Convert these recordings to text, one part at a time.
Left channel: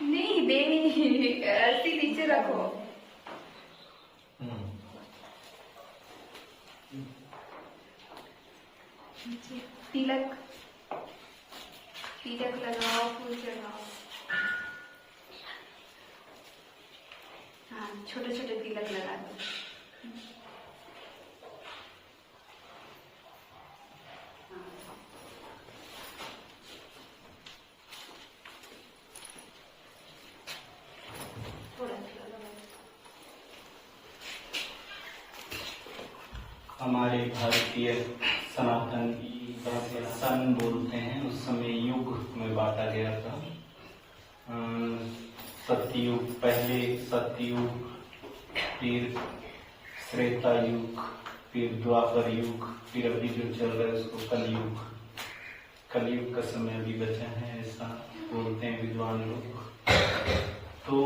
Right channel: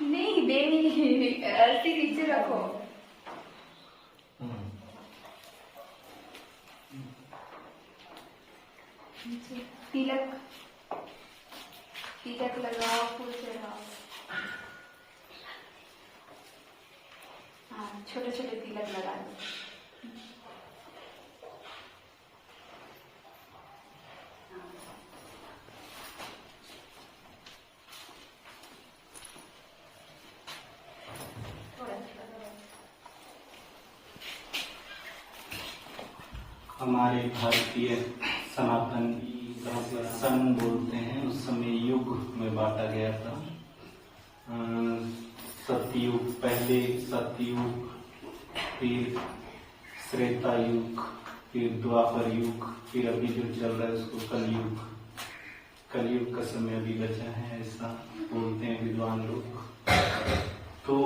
नहीं नहीं, ऐसे नीचे रखो। तिलक तिलक लगाओ, फूल चढ़ाओ। हाँ, छोटे छोटे तिलक लगा दो। हमारे भारतीय सनातन सन बोलते हैं, उस समय युग में बांटा गया था। सत्ययुग, पहले सत्ययुग, फिर त्रेता युग, फिर द्वापर युग, फिर अभी जो चल रहा है उसको कलयुग। कलयुग का समय अभी बचा है, ऐसा बोलते हैं विद्वान लोग। तो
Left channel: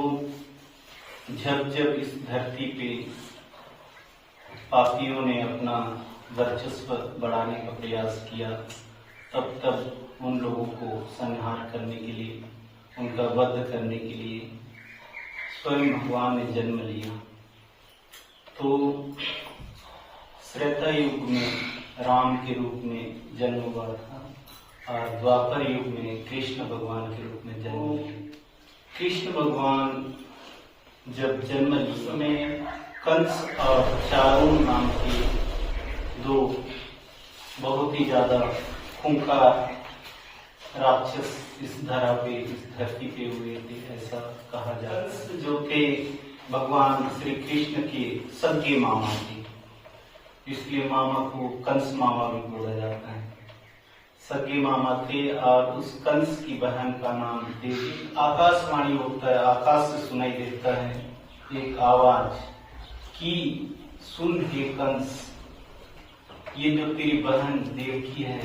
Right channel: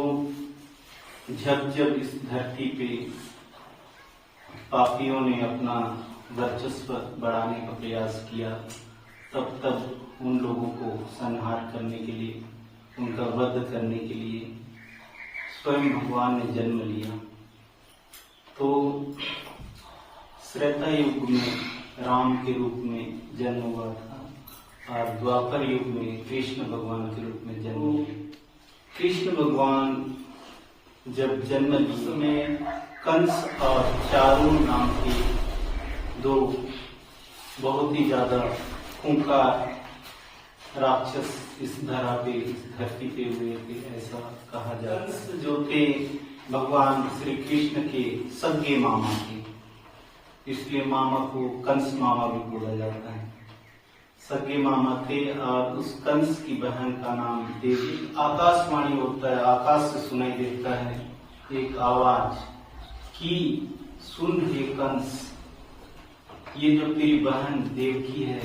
जब जब इस धरती पे पापियों ने अपना वर्चस्व बढ़ाने का प्रयास किया, तब तब उन लोगों को संहार करने के लिए, उनका वध करने के लिए स्वयं भगवान ने जन्म लिया। तो त्रेता युग में राम के रूप में जन्म हुआ था और द्वापर युग में कृष्ण भगवान के रूप में जन्म लिया। कृष्ण भगवान जब जन्म लिए में कंस और चारुण नाम के दो बहुत ही ज्यादा खूंखार राक्षस इस धरा पे, इस धरती पे हुए थे, ऐसा कहा जाता है। कंस जो थे भगवान श्री कृष्ण के सगे मामा थे, इसलिए मामा को कंस मामा भी बोला जाता है। सगे मामा थे और उस कंस की बहन का नाम देवी। आकाशवाणी होता है, आकाश से सुनाई देता है एक आवाज कि सुन हे कंस, ये जो तेरी बहन देवकी है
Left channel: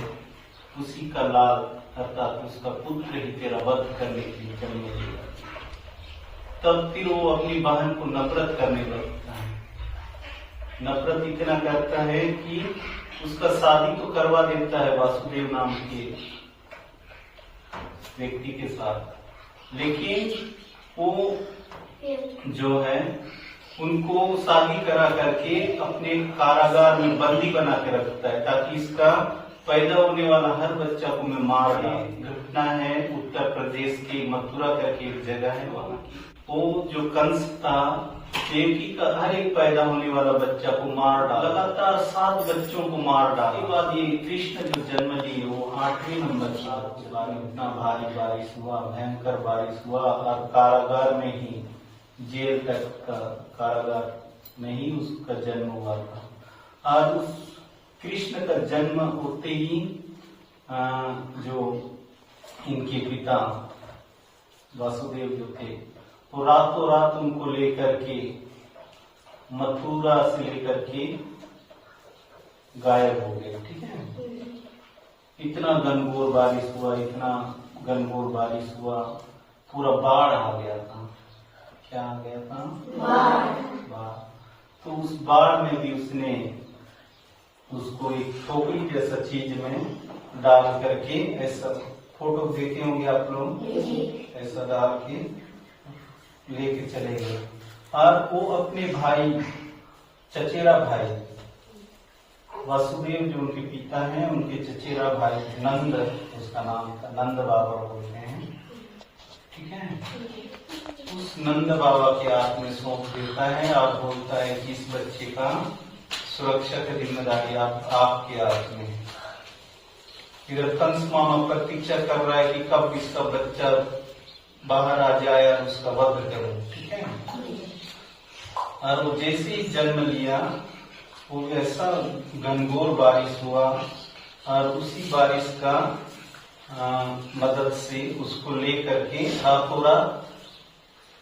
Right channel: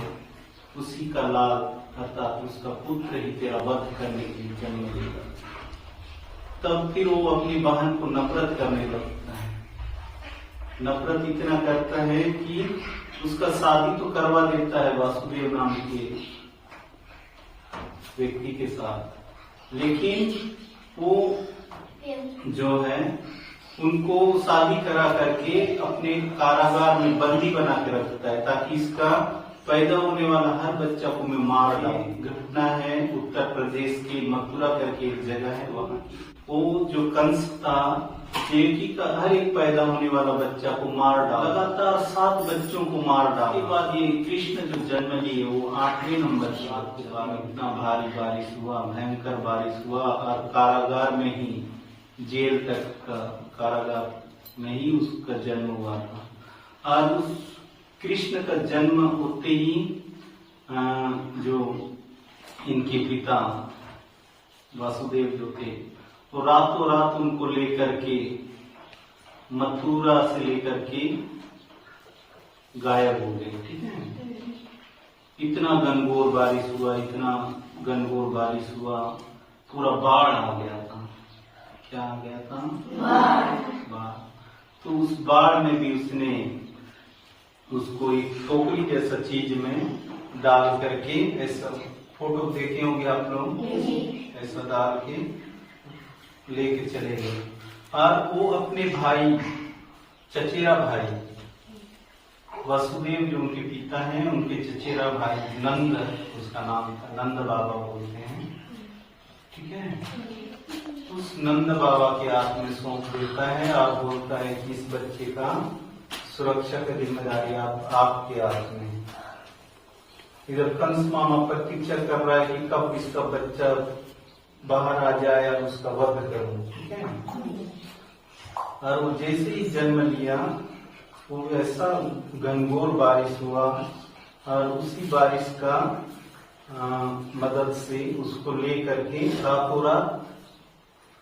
उसी का लाल अर्थात उसका पुत्र ही तेरा वध करने के लिए जन्म लेगा। तब फिर वो अपनी बहन को नफरत करने लगता है। नफरत इतना करता है कि उसका शादी तो करवा देता है वासुदेव नाम के व्यक्ति के साथ, लेकिन वो जो है उनको शादी करा करके अपने कारागार में बंदी बना के रखता है, ताकि इसका पैदा होने वाला हर बच्चा को मैं मार डालूं। घटना है उत्तर प्रदेश की मथुरा करके एक जगह है, वहाँ की। वो जो कंस था, देवकी का हर एक पैदा होने वाला बच्चा को मार डाला, लगातार 7 बच्चों को मार डाला। उसके बाद ये कृष्ण जो जन्म लिए वो 8वें नंबर के बाद इतना भारी बारिश हुआ, भयंकर बारिश हुआ और कारागार में ही, जेल तक का कारागार में ही उसका जन्म हुआ था। और उस कृष्ण का जन्म होते ही जो इनके पिता वासुदेव जो थे, तो रातों रात उनको लेकर के मथुरा से लेकर के गायब हो गए। ठीक है, इतना घनघोर बारिश हुआ, इतना घनघोर बारिश हुआ, पूरा बाढ़ आ गया था। क्या आ गया था? बाढ़। तो उस बाढ़ में भी उसने उसको एक टोकरी जैसा चीज में डाल करके, ऐसा फोटो देखे होंगे आप लोग, ऐसा डाल के लेके चले गए। और वो अपने भाई, चचेरा भाई वासुदेव जो उनके पिता हैं, उनके चचेरा भाई नंद, उसका नाम था, नंद बाबा बोलते हैं। ठीक है, उस नंद बाबा के हाथ में सौंप देता है और बोलता है कि इस बच्चे का सुरक्षा की जिम्मेदारी आपके हाथ में। इधर कंस मामा प्रतीक्षा कर रहा है कि कब इसका बच्चा बाहर आ जाए और उसका वध करूं। ठीक है, और वो जैसे ही जन्म लिया, वो ऐसा घनघोर बारिश हुआ और उसी बारिश का मदद से उसको लेकर के रातों रात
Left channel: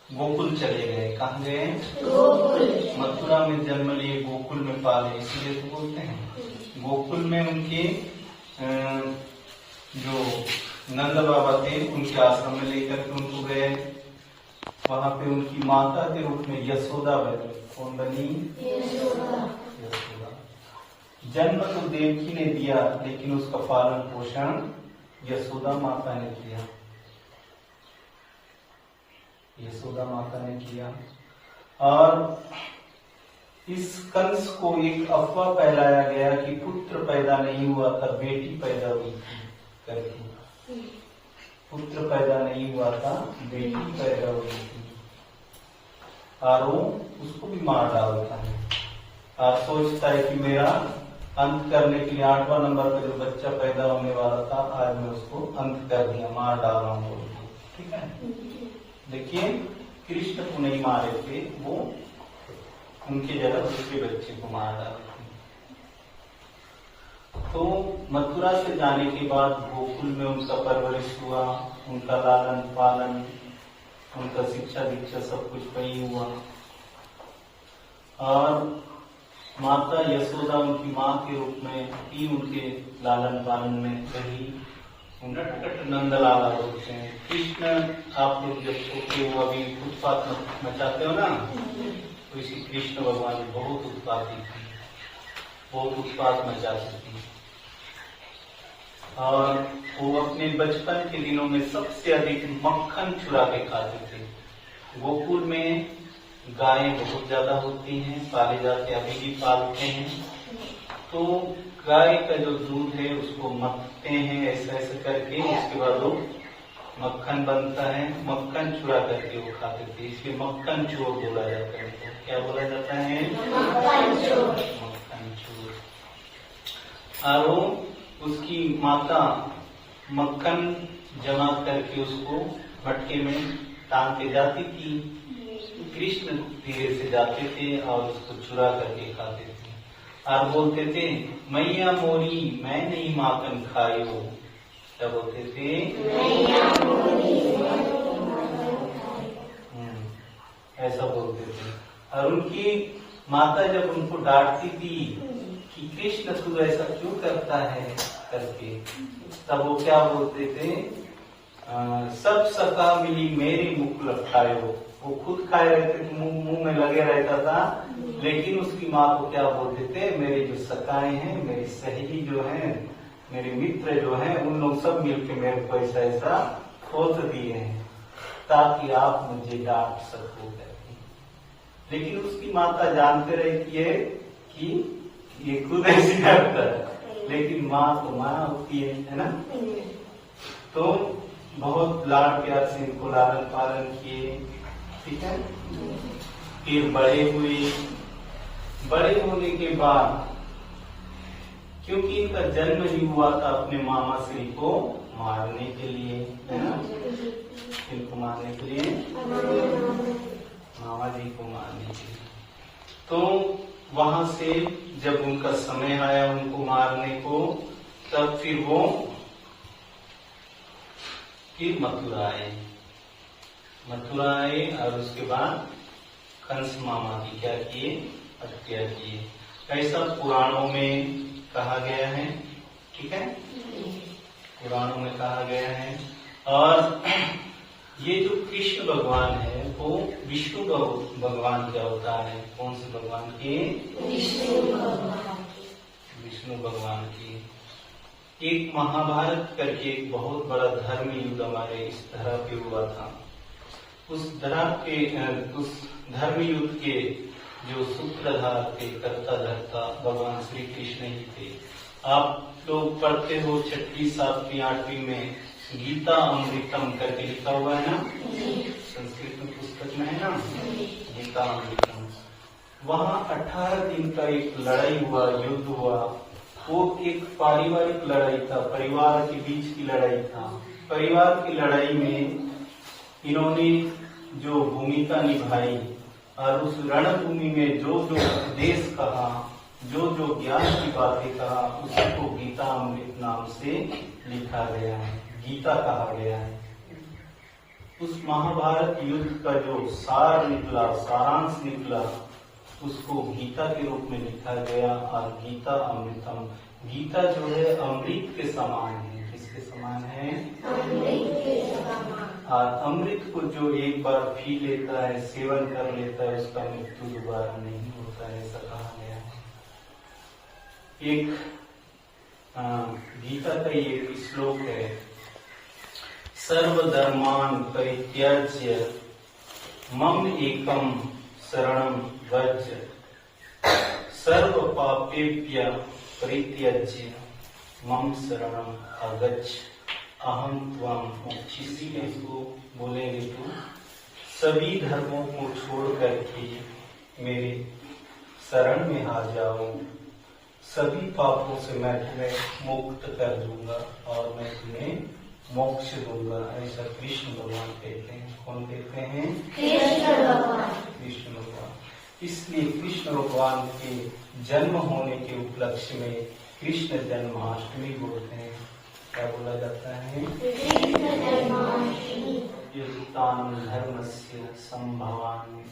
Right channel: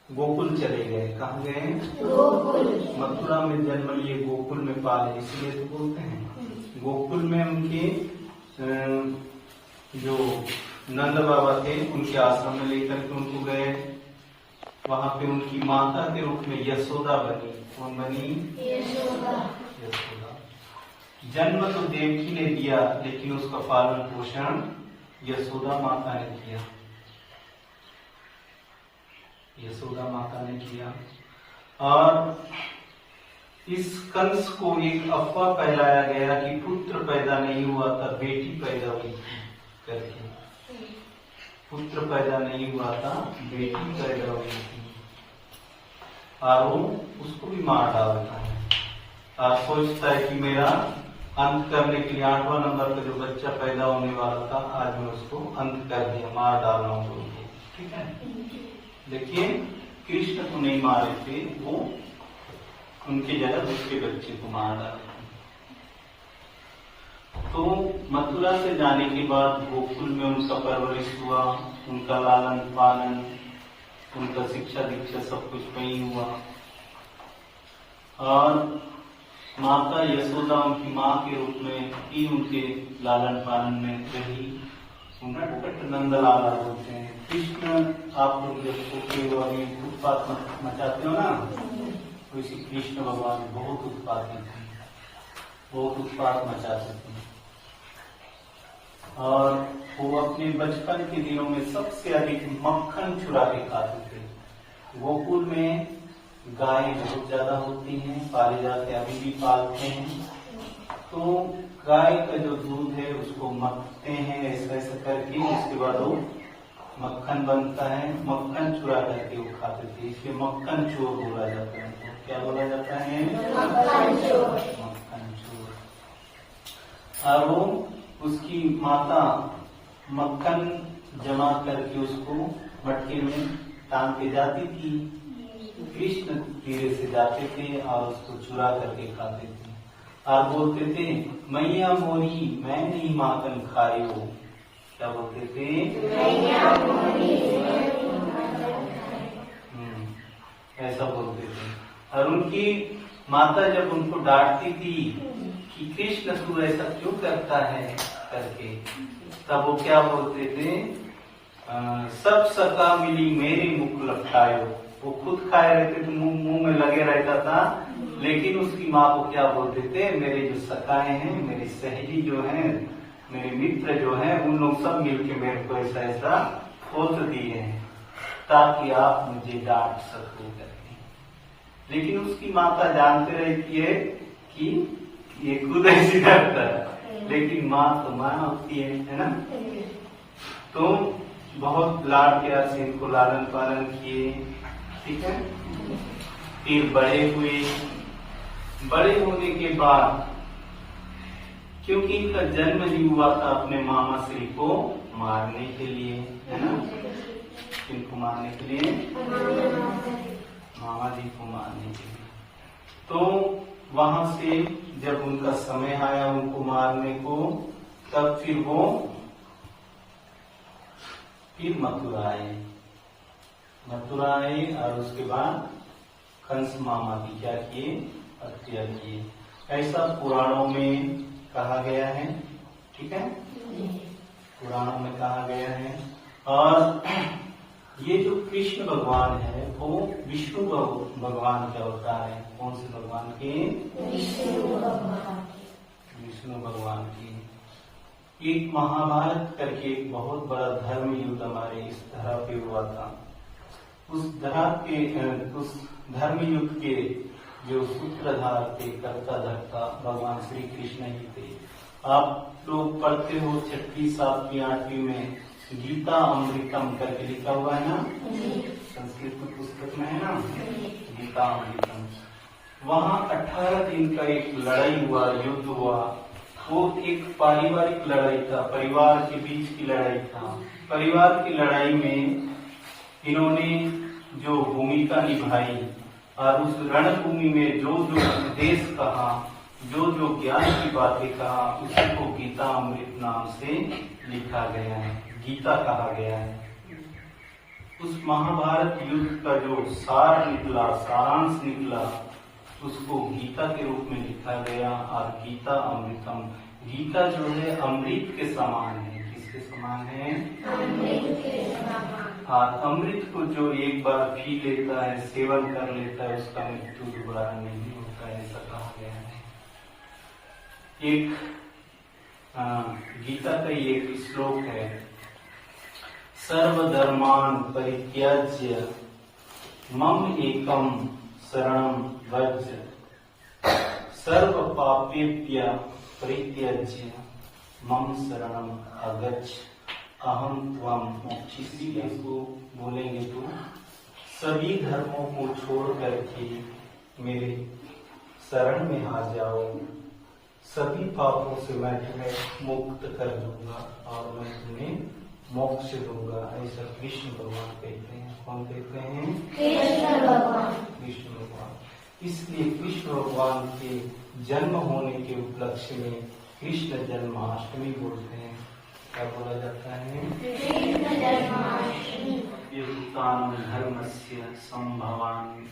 गोकुल चले गए। कहाँ गए? गोकुल। मथुरा में जन्म लिए, गोकुल में पाले, इसलिए तो बोलते हैं। गोकुल में उनके जो नंद बाबा थे, उनके आश्रम में लेकर के उनको गए। वहां पे उनकी माता के रूप में यशोदा बनी। कौन बनी? यशोदा। जन्म तो देवकी ने दिया, लेकिन उसका पालन पोषण यशोदा माता ने किया। यशोदा माता ने किया। और इस कंस को एक अफवाह फैलाया गया कि पुत्र पैदा नहीं हुआ था, बेटी पैदा हुई थी करके। पुत्र पैदा नहीं हुआ था, बेटी पैदा हुई थी, और वो उसको भी मार डालता है। और सोचता है कि मेरा अंत करने के लिए 8वां नंबर का जो बच्चा पैदा होने वाला था, आज मैं उसको अंत कर दिया, मार डाल रहा हूँ तो। ठीक है, देखिए कृष्ण को नहीं मारे थे, वो उनके जगह दूसरे बच्चे को मार डाले थे। तो मथुरा से जाने के बाद गोकुल में उनका परवरिश हुआ, उनका लालन पालन, उनका शिक्षा दीक्षा सब कुछ वही हुआ। और माता यशोदा उनकी माँ के रूप में ही उनके लालन पालन में रही। नटखट नंदलाला बोलते हैं। कृष्ण आप लोग जब छोटे हो, अभी उत्पात मचाते हो ना, तो इसी कृष्ण भगवान बहुत उत्पाती थे, बहुत उत्पात मचाते थे। और वो अपने बचपन के दिनों में सबसे अधिक मक्खन चुरा के खाते थे। गोकुल में गायें बहुत ज्यादा होती हैं, पाले जाते, अभी भी पालते हैं। तो गाय का जो दूध है उसको मथते हैं ऐसा ऐसा करके, उसके बाद वो मक्खन बनता है। मक्खन चुरा करके वो खाते थे, इसलिए मक्खन चोर बोला जाता है। तो क्या बोला जाता है? मक्खन चोर। और वो उसकी माता मक्खन जमा करके उसको मटके में टांग के जाती थी। कृष्ण धीरे से जाते थे और उसको चुरा करके खाते थे। और बोलते थे, मैया मोरी मैं नहीं माखन खायो। क्या बोलते थे? ऐसा बोलते थे। और उनकी माता जब उनको डांटती थी कि कृष्ण तू ऐसा क्यों करता है करके, तब वो क्या बोलते थे? सब सका मिली मेरी मुख लपटायो। वो खुद खाए रहते थे, मुंह में लगे रहता था, लेकिन उसकी माँ को क्या बोलते थे? मेरे जो सखाए हैं, मेरी सहेली जो है, मेरे मित्र जो हैं, उन लोग सब मिलके मेरे को ऐसा ऐसा खोत दिए हैं ताकि आप मुझे डांट सको करके। लेकिन उसकी माता जानते रहती है कि ये खुद ऐसी करता है, लेकिन माँ तो माँ होती है ना। तो बहुत लाड प्यार से इनको लालन पालन किए। ठीक है, फिर बड़े हुए। बड़े होने के बाद, क्योंकि इनका जन्म ही हुआ था अपने मामा श्री को मारने के लिए, है ना, इनको मारने के लिए, मामा जी को मारने के लिए। तो वहां से जब उनका समय आया उनको मारने को, तब फिर मथुरा आए और उसके बाद कंस मामा की क्या किए? हत्या किए। ऐसा पुराणों में कहा गया है। ठीक है, पुराणों में कहा गया है। और ये जो कृष्ण भगवान है वो विष्णु भगवान का अवतार है। कौन से भगवान के? विष्णु भगवान की। एक महाभारत करके एक बहुत बड़ा धर्म युद्ध हमारे इस धरा पे हुआ था। उस धर्म युद्ध के जो सूत्रधार थे, कर्ता धर्ता भगवान श्री कृष्ण ही थे। आप लोग पढ़ते हो 6वीं 7वीं 8वीं में गीता अमृतम करके लिखा हुआ है ना, संस्कृत में पुस्तक में है ना, गीता अमृतम। वहाँ 18 दिन का एक लड़ाई हुआ, युद्ध हुआ। वो एक पारिवारिक लड़ाई था, परिवार के बीच की लड़ाई था। परिवार की लड़ाई में इन्होंने जो भूमिका निभाई और उस रणभूमि में जो जो उपदेश कहा, जो जो ज्ञान की बातें कहा, उसको गीता अमृत नाम से लिखा गया है, गीता कहा गया है। उस महाभारत युद्ध का जो सार निकला, सारांश निकला, उसको गीता के रूप में लिखा गया। और गीता अमृतम, गीता जो है अमृत के समान है। किसके समान है? अमृत के समान। और अमृत को जो एक बार पी लेता है, सेवन कर लेता है, उसका मृत्यु दोबारा नहीं होता है, ऐसा कहा गया है। एक गीता का ये एक श्लोक है, सर्वधर्मान परित्यज्य मम एकम शरणम व्रज सर्व पापेभ्य परित्यज्य मम शरणम आगच्छ अहम त्वं मोक्षयिष्यामि। इसको बोलेंगे तो सभी धर्मों को छोड़ करके मेरे शरण में आ जाओ, सभी पापों से मैं तुम्हें मुक्त कर दूंगा और मैं तुम्हें मोक्ष दूंगा। ऐसा कृष्ण भगवान कहते हैं। कौन कहते हैं? कृष्ण भगवान। कृष्ण भगवान। इसलिए कृष्ण भगवान के जन्म होने के उपलक्ष्य में कृष्ण जन्माष्टमी बोलते हैं। क्या बोला जाता है? कृष्ण जन्माष्टमी। युक्तान धर्मस्य संभवामि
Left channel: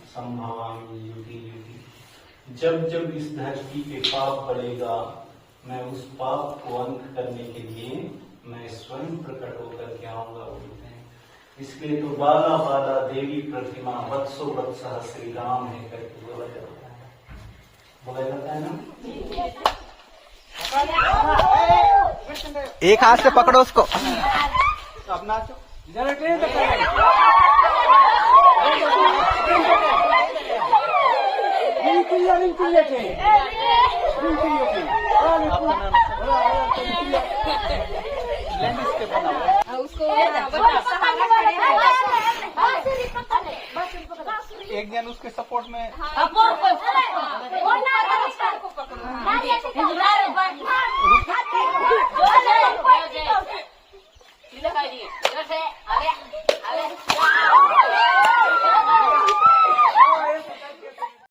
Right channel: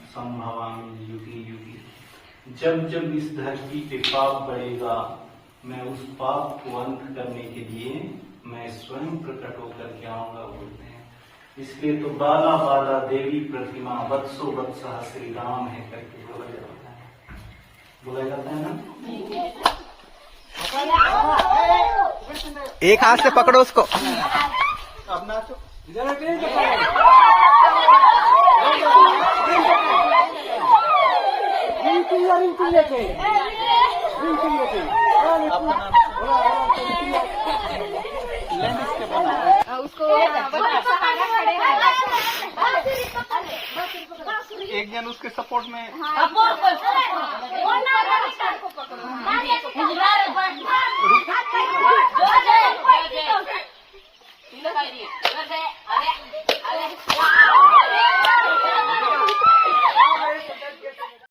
युगे युगे। जब जब इस धरती पे पाप बढ़ेगा, मैं उस पाप को अंत करने के लिए मैं स्वयं प्रकट होकर के आऊंगा बोलते हैं। इसलिए तो बाला बाला देवी प्रतिमा वत्सो वत्सः श्री राम है करके बोला जाता है। बोला जाता है ना? एक हाथ से पकड़ो उसको। अपना उसको सहारा खड़े हैं। एक जन उसके सपोर्ट में। हाँ,